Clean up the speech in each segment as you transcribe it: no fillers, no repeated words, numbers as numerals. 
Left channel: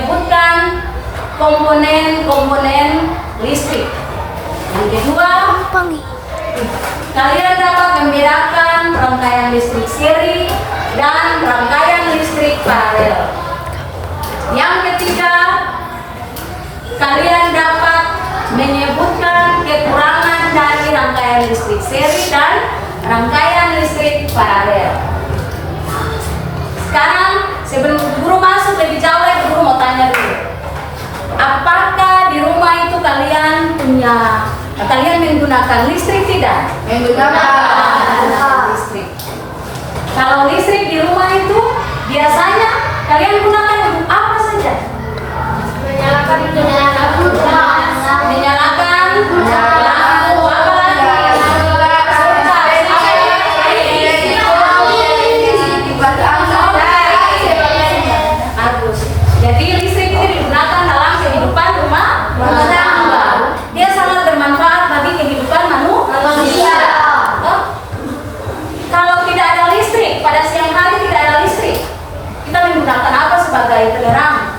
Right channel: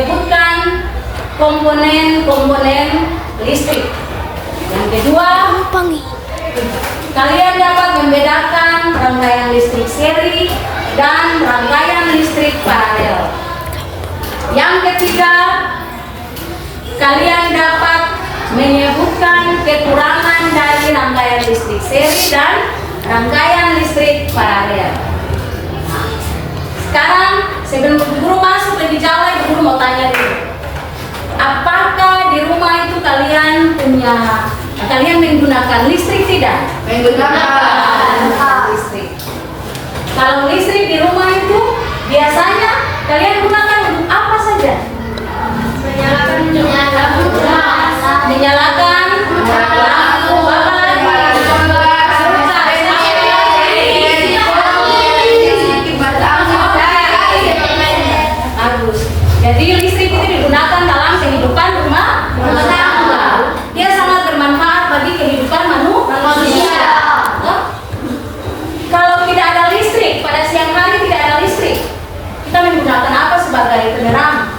menyebutkan komponen-komponen listrik. Yang kedua, kalian dapat membedakan rangkaian listrik seri dan rangkaian listrik paralel. Yang ketiga, kalian dapat menyebutkan kekurangan dari rangkaian listrik seri dan rangkaian listrik paralel. Sekarang sebelum guru masuk lebih jauh lagi, guru mau tanya dulu. Apakah di rumah itu kalian menggunakan listrik tidak? Menggunakan listrik. Kalau listrik di rumah itu biasanya kalian gunakan untuk apa saja? Menyalakan lampu, apa lagi? Bagus. Jadi listrik itu digunakan dalam kehidupan rumah tangga. Dia sangat bermanfaat bagi kehidupan manusia. Kalau tidak ada listrik, pada siang hari tidak ada listrik, kita menggunakan apa sebagai penerang?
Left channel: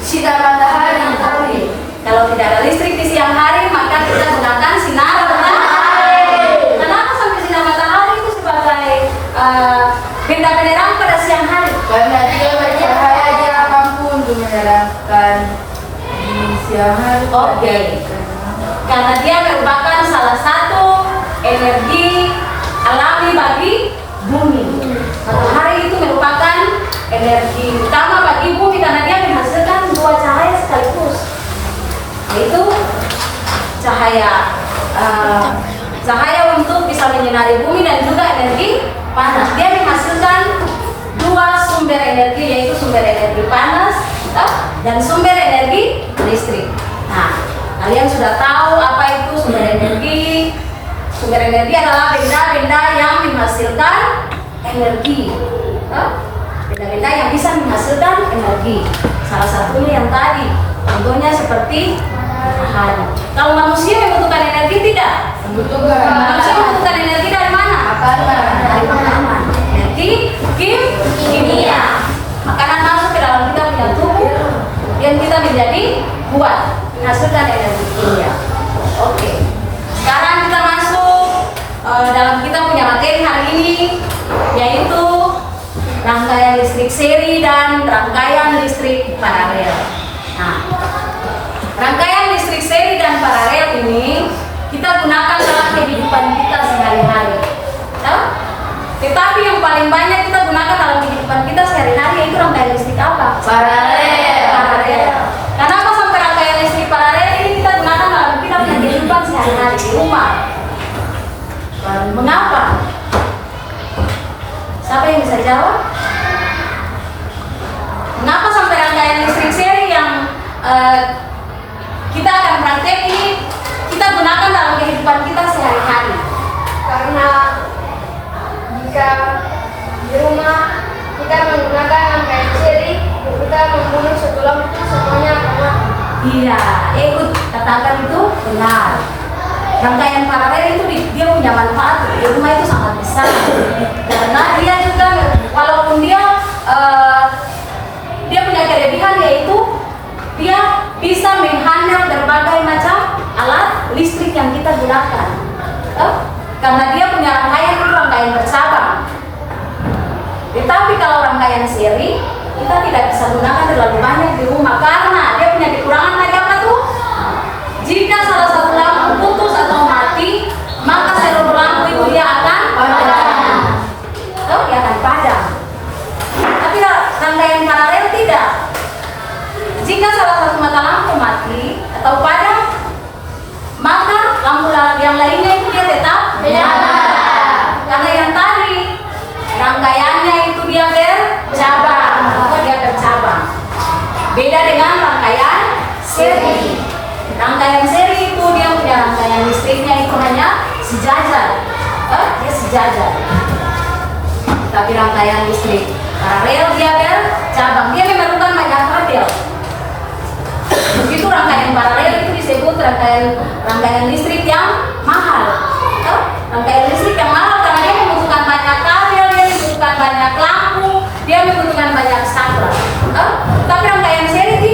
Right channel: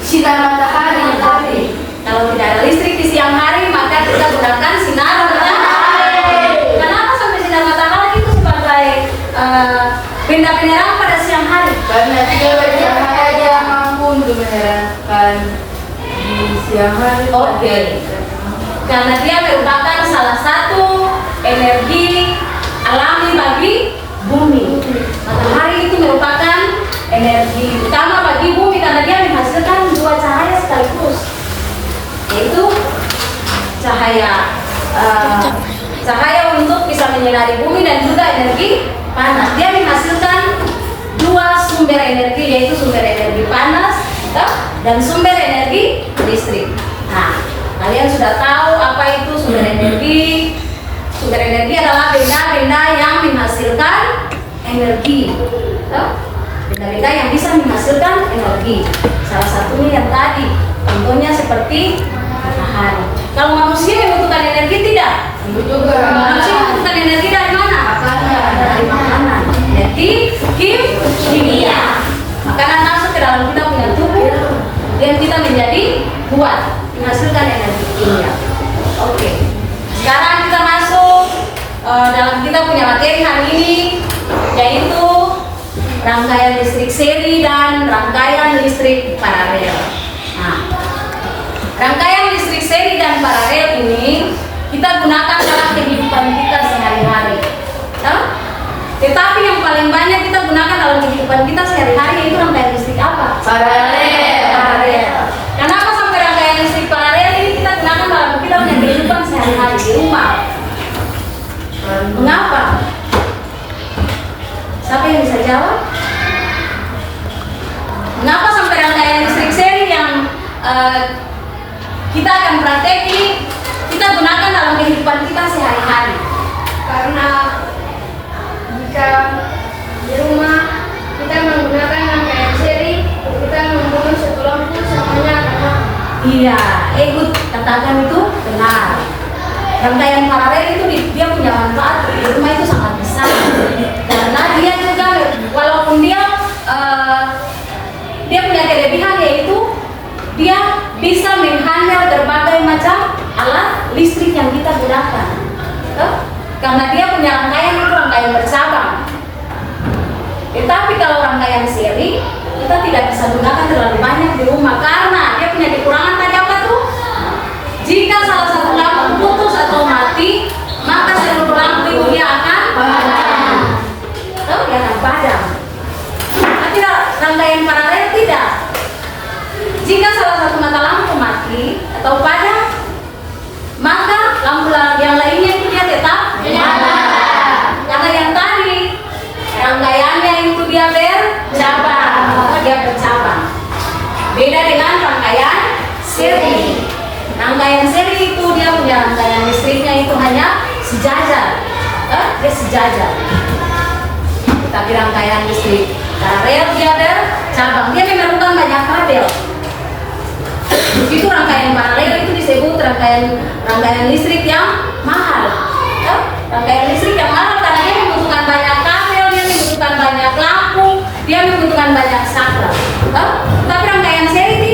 Sinar matahari. Kalau tidak ada listrik di siang hari, maka kita gunakan sinar matahari. Kenapa sampai sinar matahari itu sebagai benda penerang pada siang hari? Karena dia bercahaya, dia mampu untuk menerangkan di siang hari. Oke. Karena dia merupakan salah satu energi alami bagi bumi. Matahari itu merupakan energi utama bagi bumi karena dia menghasilkan dua cahaya sekaligus, yaitu cahaya untuk bisa menyinari bumi dan juga energi panas. Dia menghasilkan dua sumber energi, yaitu sumber energi panas dan sumber energi listrik. Nah, kalian sudah tahu apa itu sumber energi. Sumber energi adalah benda-benda yang menghasilkan energi. Benda-benda yang bisa menghasilkan energi. Salah satunya yang tadi, contohnya seperti matahari. Kalau manusia membutuhkan energi tidak? Membutuhkan. Manusia membutuhkan energi dari mana? Dari makanan. Energi kimia. Makanan masuk ke dalam kita punya tubuh dan kita menjadi kuat, menghasilkan energi kimia. Oke. Sekarang kita masuk dalam kita punya materi hari ini, yaitu rangkaian listrik seri dan rangkaian listrik paralel. Nah, rangkaian listrik seri dan paralel ini kita gunakan dalam kehidupan kita sehari-hari. Tetapi yang paling banyak kita gunakan dalam kehidupan kita sehari-hari yaitu rangkaian listrik apa? Paralel. Kenapa sampai rangkaian listrik paralel ini kita gunakan dalam kita punya kehidupan sehari-hari di rumah? Mengapa? Siapa yang bisa jawab? Mengapa sampai rangkaian listrik seri yang kita akan praktekkan kita gunakan dalam kehidupan kita sehari-hari? Karena jika di rumah kita menggunakan rangkaian seri, kita membunuh sekelompok semuanya karena Iya, ikut katakan itu benar. Rangkaian paralel itu dia punya manfaat di rumah itu sangat besar karena dia juga walaupun dia punya kelebihan yaitu dia bisa menghandle berbagai macam alat listrik yang kita gunakan. Karena dia punya rangkaian itu rangkaian bercabang. Tetapi kalau rangkaian seri kita tidak bisa gunakan terlalu banyak di rumah karena dia punya kekurangan tadi apa tuh? Jika salah satu lampu putus atau mati, maka seluruh lampu itu dia akan padam. Dia akan padam. Tapi rangkaian paralel tidak. Jika salah satu mata lampu mati atau padam, maka lampu yang lainnya itu dia tetap menyala. Karena yang tadi rangkaiannya itu dia bercabang, dia bercabang. Beda dengan rangkaian seri. Rangkaian seri itu dia punya rangkaian listriknya itu hanya sejajar, dia sejajar. Tapi rangkaian listrik paralel dia bercabang, dia memerlukan banyak kabel. Begitu rangkaian paralel itu disebut rangkaian listrik yang mahal. Rangkaian listrik yang mahal karena dia membutuhkan banyak kabel, dia membutuhkan banyak lampu, dia membutuhkan banyak saklar. Tapi rangkaian seri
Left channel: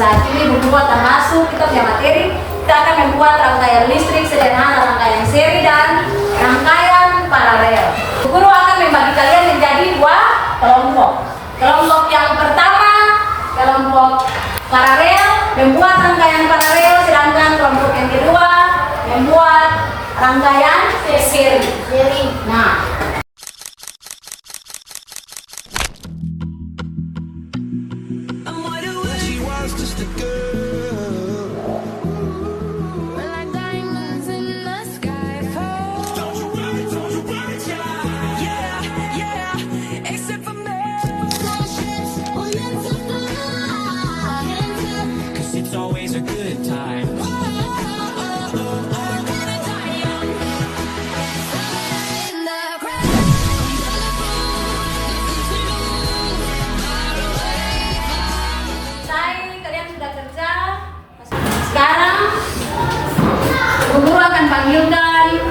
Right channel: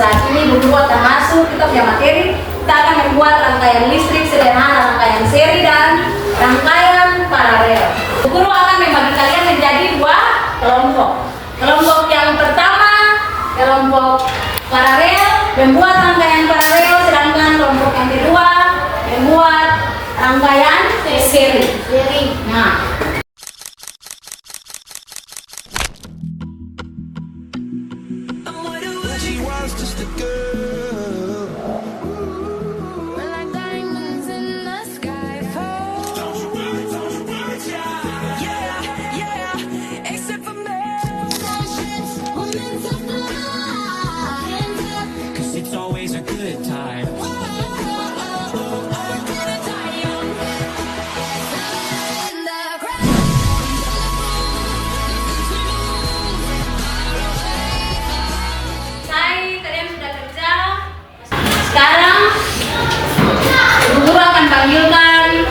saat ini Bu Guru akan masuk, kita punya materi, kita akan membuat rangkaian listrik sederhana, rangkaian seri dan rangkaian paralel. Bu Guru akan membagi kalian menjadi 2 kelompok. Kelompok yang pertama, kelompok paralel, membuat rangkaian paralel, sedangkan kelompok yang kedua membuat rangkaian seri. Nah, She was just a girl. We're like diamonds in the sky. Yeah, yeah, except for me. Cause it's always a good time. kalian sudah kerja. Sekarang Bu Guru akan panggilkan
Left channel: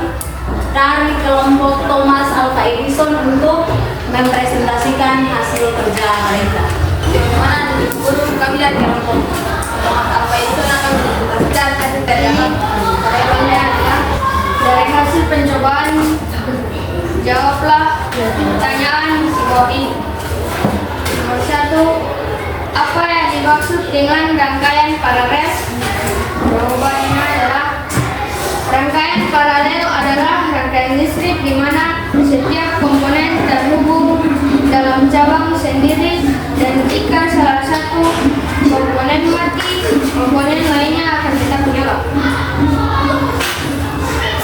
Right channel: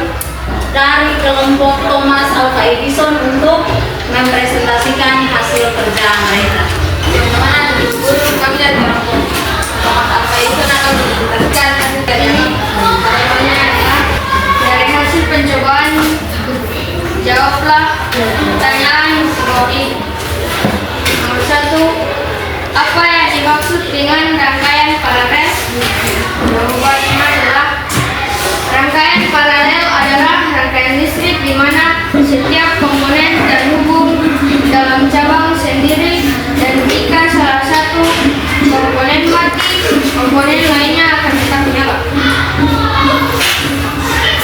dari kelompok Thomas Alva Edison untuk mempresentasikan hasil kerja mereka. Bagaimana Bu Guru, kami dari kelompok Thomas Alva Edison akan mempresentasikan hasil kerja kami. Jawabannya adalah dari hasil pencobaan, jawablah pertanyaan di bawah ini. Nomor 1, apa yang dimaksud dengan rangkaian paralel? Jawabannya adalah rangkaian paralel adalah rangkaian listrik di mana setiap komponen terhubung dalam cabang sendiri, dan jika salah satu komponen mati, komponen lainnya akan tetap menyala.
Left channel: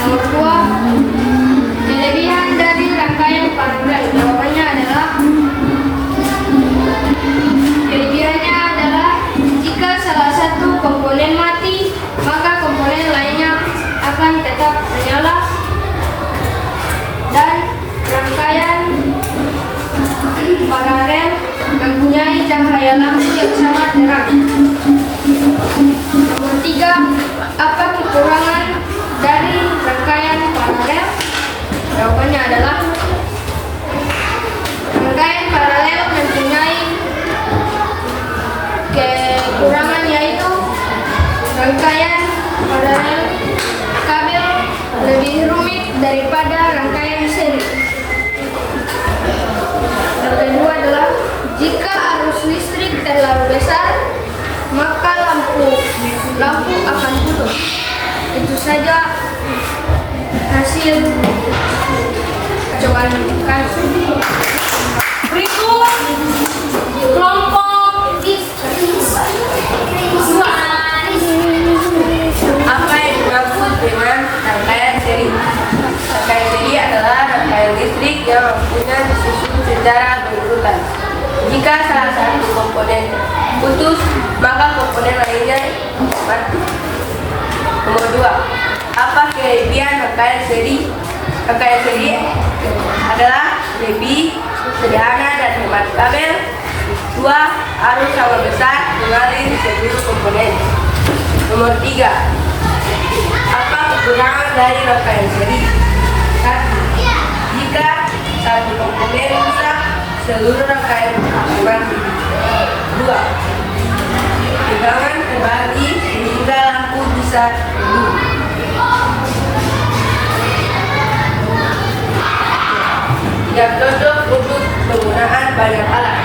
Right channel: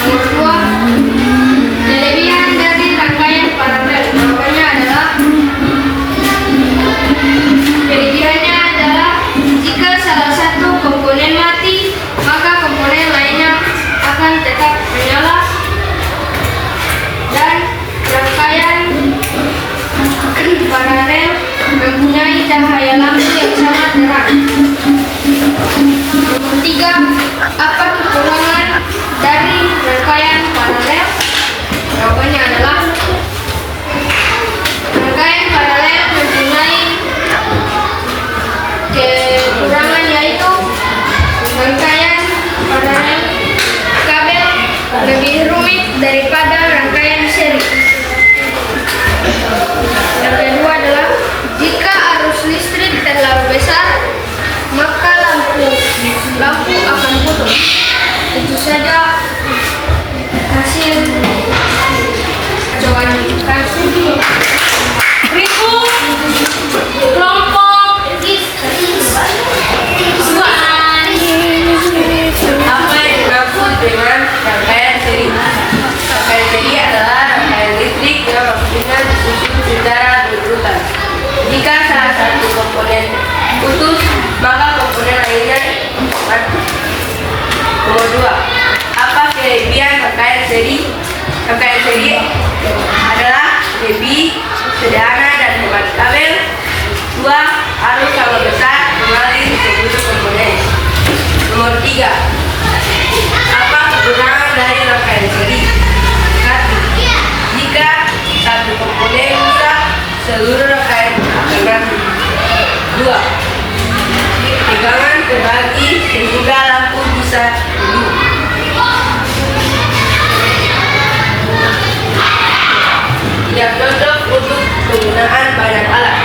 Nomor 2, kelebihan dari rangkaian paralel. Jawabannya adalah kelebihannya adalah jika salah satu komponen mati, maka komponen lainnya akan tetap menyala, dan rangkaian paralel mempunyai cahaya lampu yang sangat terang. Nomor 3, apa kekurangan dari rangkaian paralel? Jawabannya adalah rangkaian paralel mempunyai kekurangan, yaitu rangkaian paralel kabel lebih rumit daripada rangkaian seri. Yang kedua adalah jika arus listrik terlalu besar, maka lampu akan putus. Itu saja hasil cobaan kami. Berikut kelompok Apa yang dimaksud dengan rangkaian seri? Rangkaian seri adalah rangkaian listrik yang waktunya disusun secara berurutan. Jika salah satu komponen putus, maka komponen lainnya mati. Nomor 2, apa kelebihan rangkaian seri? Rangkaian seri adalah lebih sederhana dan hemat kabel. 2, arus sama besar mengalir seluruh komponen. Nomor 3, apa kekurangan dari rangkaian seri? 1, jika satu komponen rusak, seluruh rangkaian akan mati. 2, tegangan terbagi sehingga lampu bisa hidup. Tidak cocok untuk penggunaan banyak alat.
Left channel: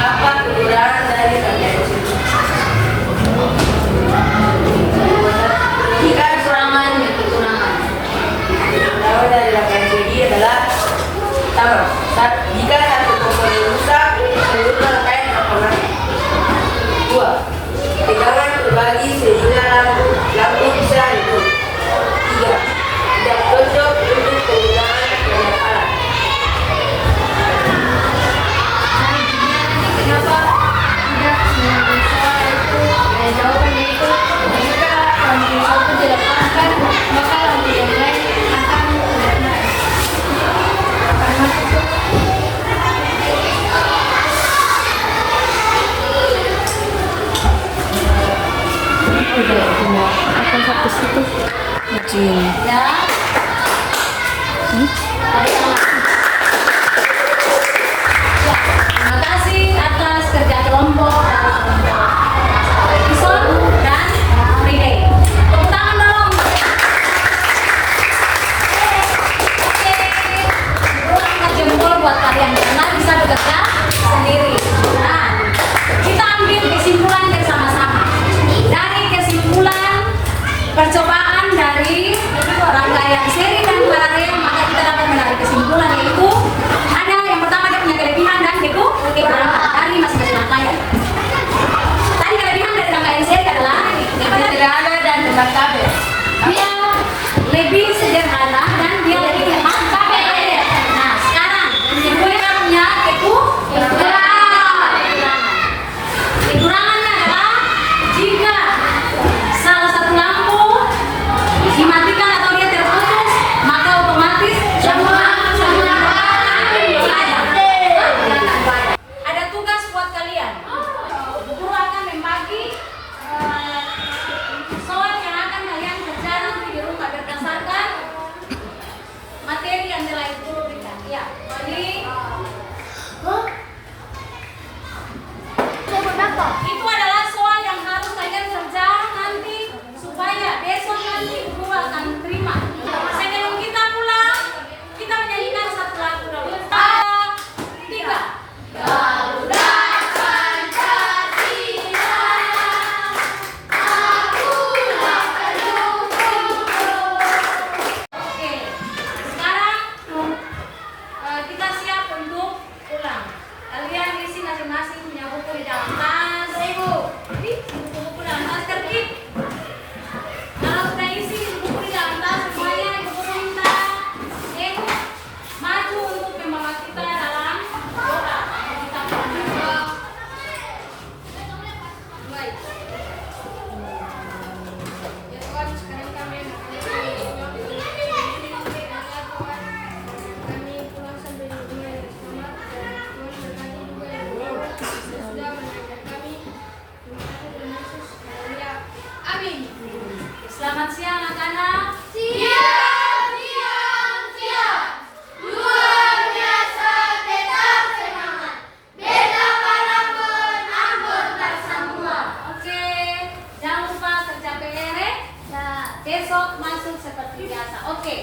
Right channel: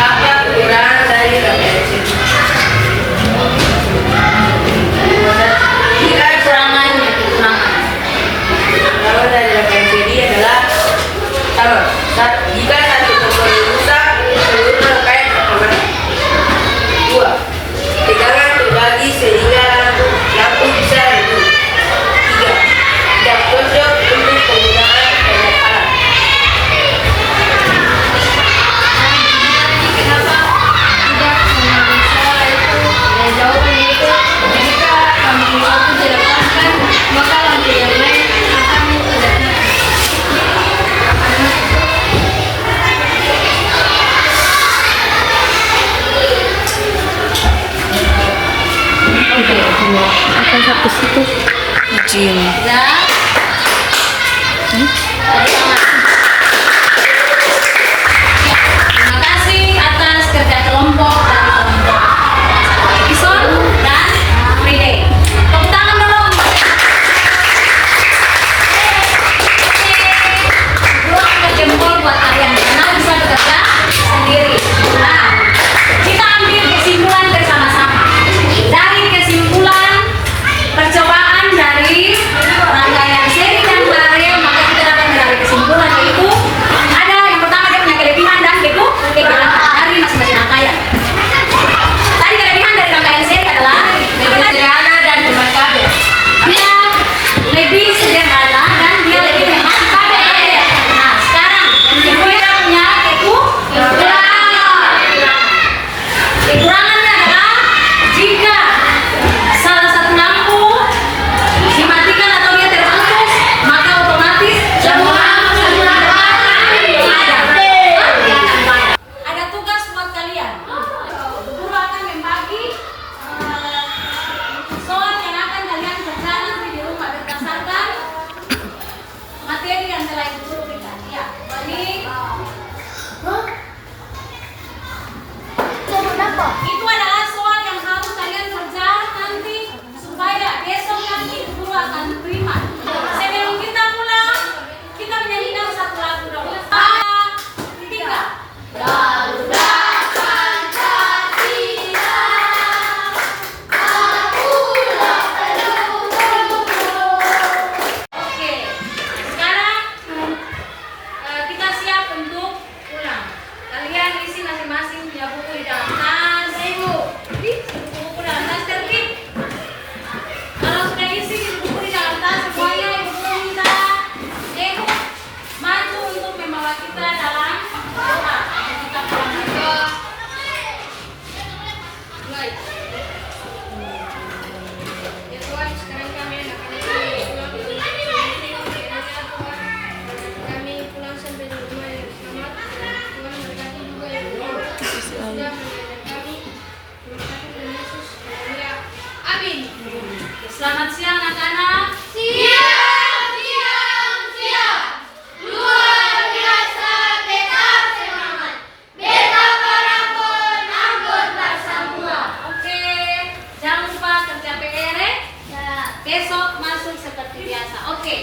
Apa kekurangan dari rangkaian seri? Kalau dari rangkaian seri adalah pertama, jika satu komponen rusak, seluruh rangkaian akan mati. 2, tegangan terbagi sehingga lampu bisa hidup. 3, tidak cocok untuk penggunaan banyak alat. Kenapa tidak bisa itu? Jawabannya itu jika lampu satu dilepaskan, maka lampu yang lain akan tidak nyala. kucing. Ya. Ya, terima kasih atas kerja kelompok dari kelompok Edison dan Friday. Tepuk tangan dong. Oke. Gua angkat jempol buat kalian karena bisa bekerja sendiri. Nah, kita ambil kesimpulan bersama-sama. Dari kesimpulan percobaan dari rangkaian seri dan paralel, maka kita dapat menarik kesimpulan yaitu ada yang pertama dia punya kelebihan dan kekurangan dari masing-masing rangkaian. Tadi kelebihan dari rangkaian seri adalah Lebih sederhana dan hemat kabel. dia lebih sederhana dan dia lebih hemat kabel. Nah, sekarang dia punya kekurangan. Kekurangannya adalah jika salah satu lampu dimatikan atau dia terputus, maka otomatis semua ada tugas buat kalian. Guru akan membagi soal yang akan kalian kerjakan nanti di rumah berdasarkan materi yang telah ibu guru berikan. Ya, balik. Itu adalah soal yang harus kalian kerjakan nanti supaya besok nanti ibu guru akan terima. Sebelum kita pulang, kita menyanyikan satu lagu dulu. 3. Garuda Pancasila, akulah pelukmu. Oke, sekarang kita siap untuk pulang. Kalian isi masing-masing punya buku di dalam tas, ibu. Buku-buku dalam tas tertib. Kalau sudah isi buku di dalam tas semuanya, ibu guru minta ibu maju untuk membawa kita dalam doa. Kita pulang lagi. Baik. Ya Tuhan, sekarang kami anak-anak kami pulang. Kami pulang sampai di rumah yang selamat. Tuhan berkati juga yang sudah mengajar kami. Terima kasih Tuhan Yesus. Ya, amin. Selamat siang anak-anak. Siap, siap, siap. Luar biasa, tetap semangat. Betapa pun anggota semua. Oke, jangan lupa kerja PR. Ya. Besok masuk seperti biasa. Oke.